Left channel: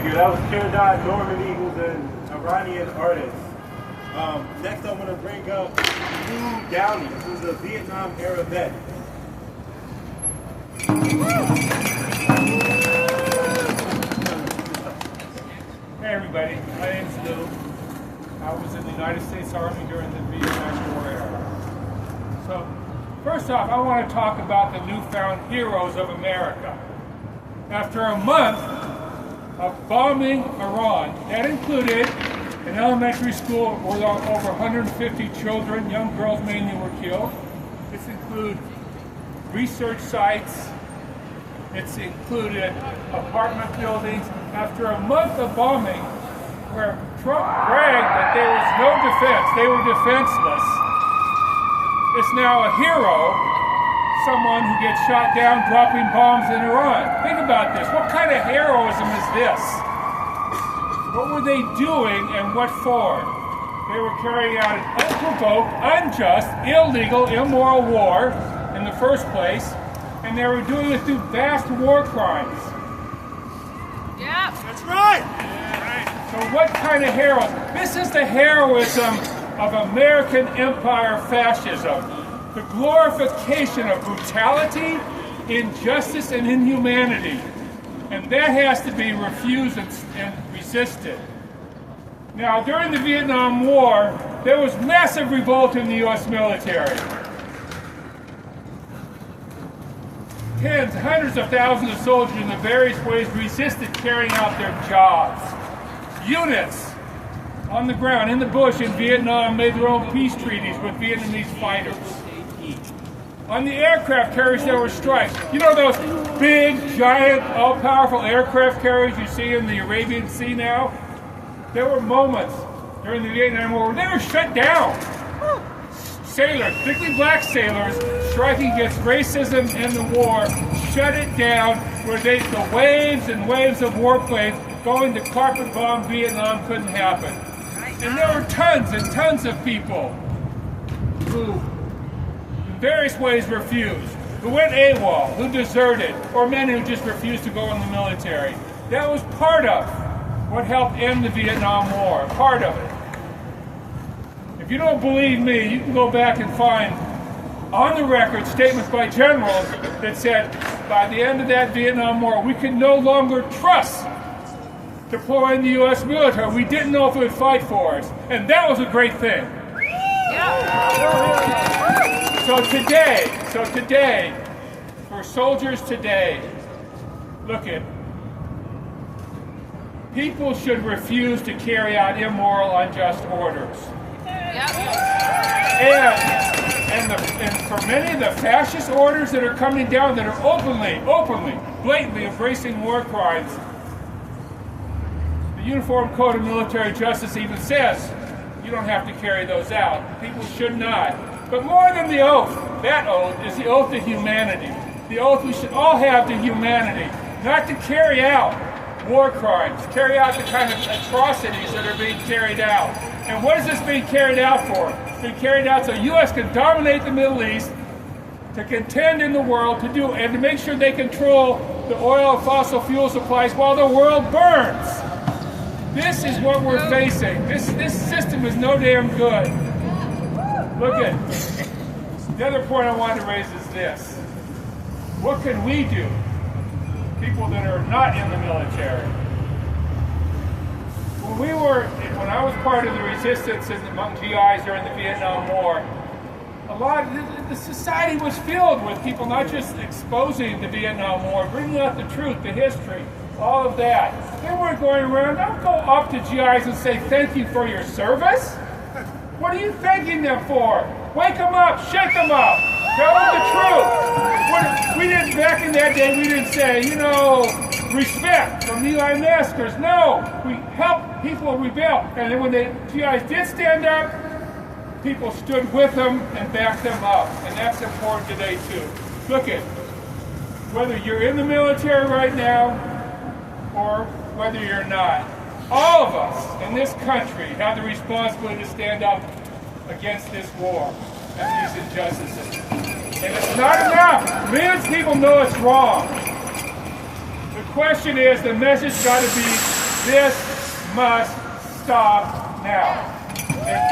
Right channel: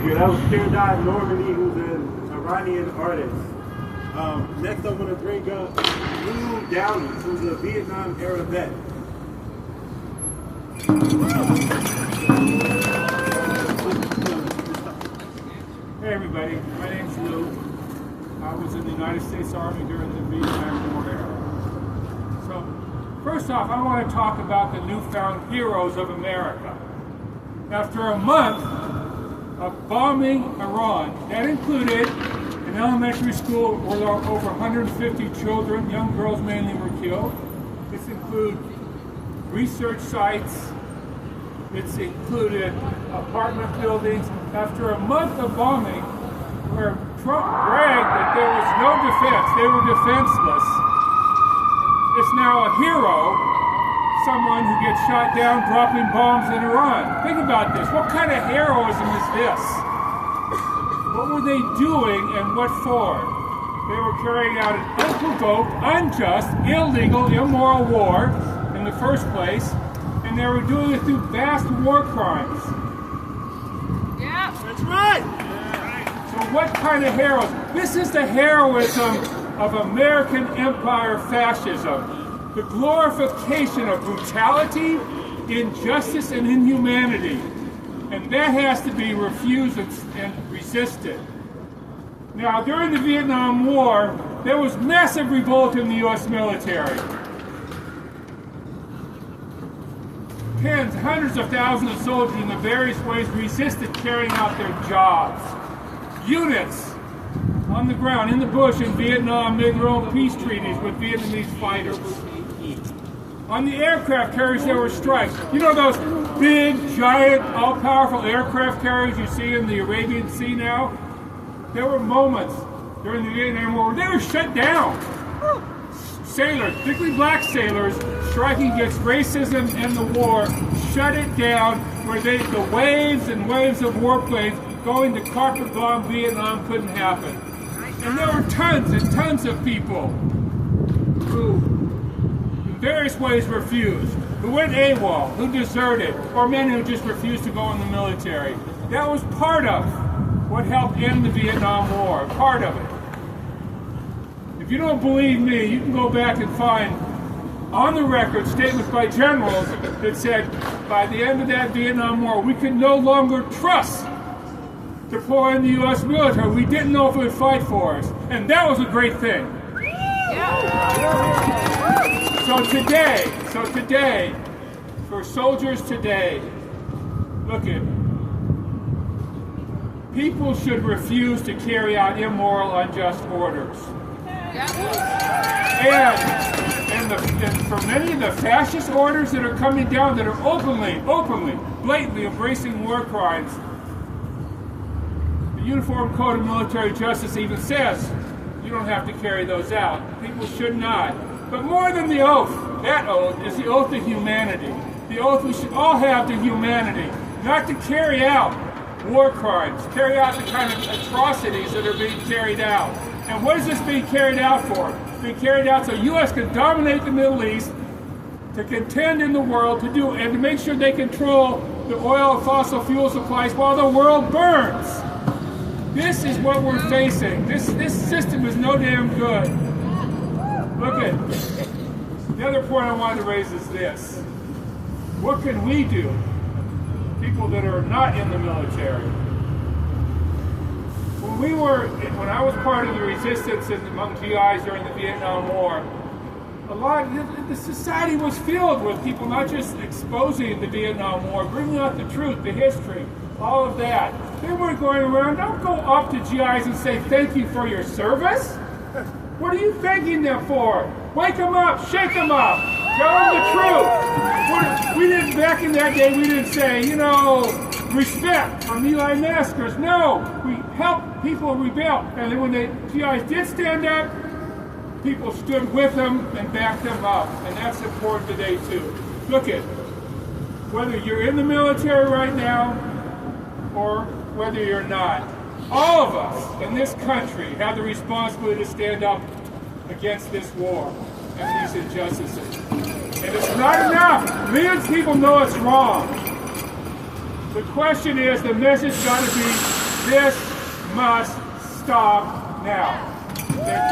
figure. That was Pierre Normandy, who's an Iranian artist. Next I'm going to bring up Lou Downey, who's a Vietnam era vet. Hey everybody, my name's Lou. I was in the United States Army during the Vietnam War era. So, first off, I want to talk about the newfound heroes of America. After a month of bombing Iran, that included an elementary school where over 150 children, young girls mainly, were killed. This included research sites. It's included apartment buildings. After a month of bombing, where Trump bragged that there was no defense, they were defenseless, is now a hero, someone who gets shot down dropping bombs in Iran. Think about this. What kind of heroism is this? What were they doing and what for? They were carrying out an unprovoked, unjust, illegal, immoral war in the first place, and they were doing it through vast war crimes. Yeah. That's right! So what kind of heroism? This is the heroism of American empire fascism. The glorification of brutality, injustice, and inhumanity. And that has to be refused and resisted. Now, during the Vietnam War, there was massive revolt in the U.S. military. Tens, hundreds of thousands of soldiers in the various ways resisted carrying out their jobs. Units on the ground, in the bush in Vietnam, made their own peace treaties with Vietnamese fighters. On the aircraft carriers, there were strikes. You know those big, giant, all-powerful aircraft carriers you see in the Arabian Sea now? There were moments during the Vietnam War where they were shut down. Sailors, particularly black sailors, striking against racism in the war, shut it down, where the waves and waves of warplanes going to carpet bomb Vietnam couldn't happen. And there were tons and tons of people who, in various ways, refused, who went AWOL, who deserted, or many who just refused to go in the military. That was part of what helped end the Vietnam War, part of it. If you don't believe me, you can go back and find on the record statements by generals that said by the end of that Vietnam War, we could no longer trust deploying the U.S. military. We didn't know if it would fight for us. And that was a great thing. Yeah. So today, for soldiers today, look at, people should refuse to carry out immoral, unjust orders. Yeah. And for many of the fascist orders that are coming down that are openly, blatantly embracing war crimes, the Uniform Code of Military Justice even says you don't have to carry those out. People should not. But more than the oath, that oath is the oath to humanity. The oath we should all have to humanity, not to carry out war crimes, carry out the kind of atrocities that are being carried out. And what is this being carried out for? It's being carried out so the U.S. can dominate the Middle East, to contend in the world, and to make sure they control the oil and fossil fuel supplies while the world burns. This is what we're facing. This system is no damn good. Look at the other point I wanted to raise is this. What can we do? People that are not in the military. When I was part of the resistance among GIs during the Vietnam War, a lot of the society was filled with people not just exposing the Vietnam War, bringing out the truth, the history, all of that. They weren't going around. Don't go up to GIs and say thank you for your service. What are you thanking them for? Wake them up, shake them up, tell them the truth. We didn't, back in that day, we didn't say, respect from the My Maskers. No, we helped people rebel. And then when the GIs did stand up, people stood with them and backed them up. And that's important today too. Look at, whether you're in the military right now or whether you're not, all of us in this country have the responsibility to stand up against this war and these injustices. And it's not enough. Millions of people know it's wrong. The question is, the message got to be This must stop now. Okay?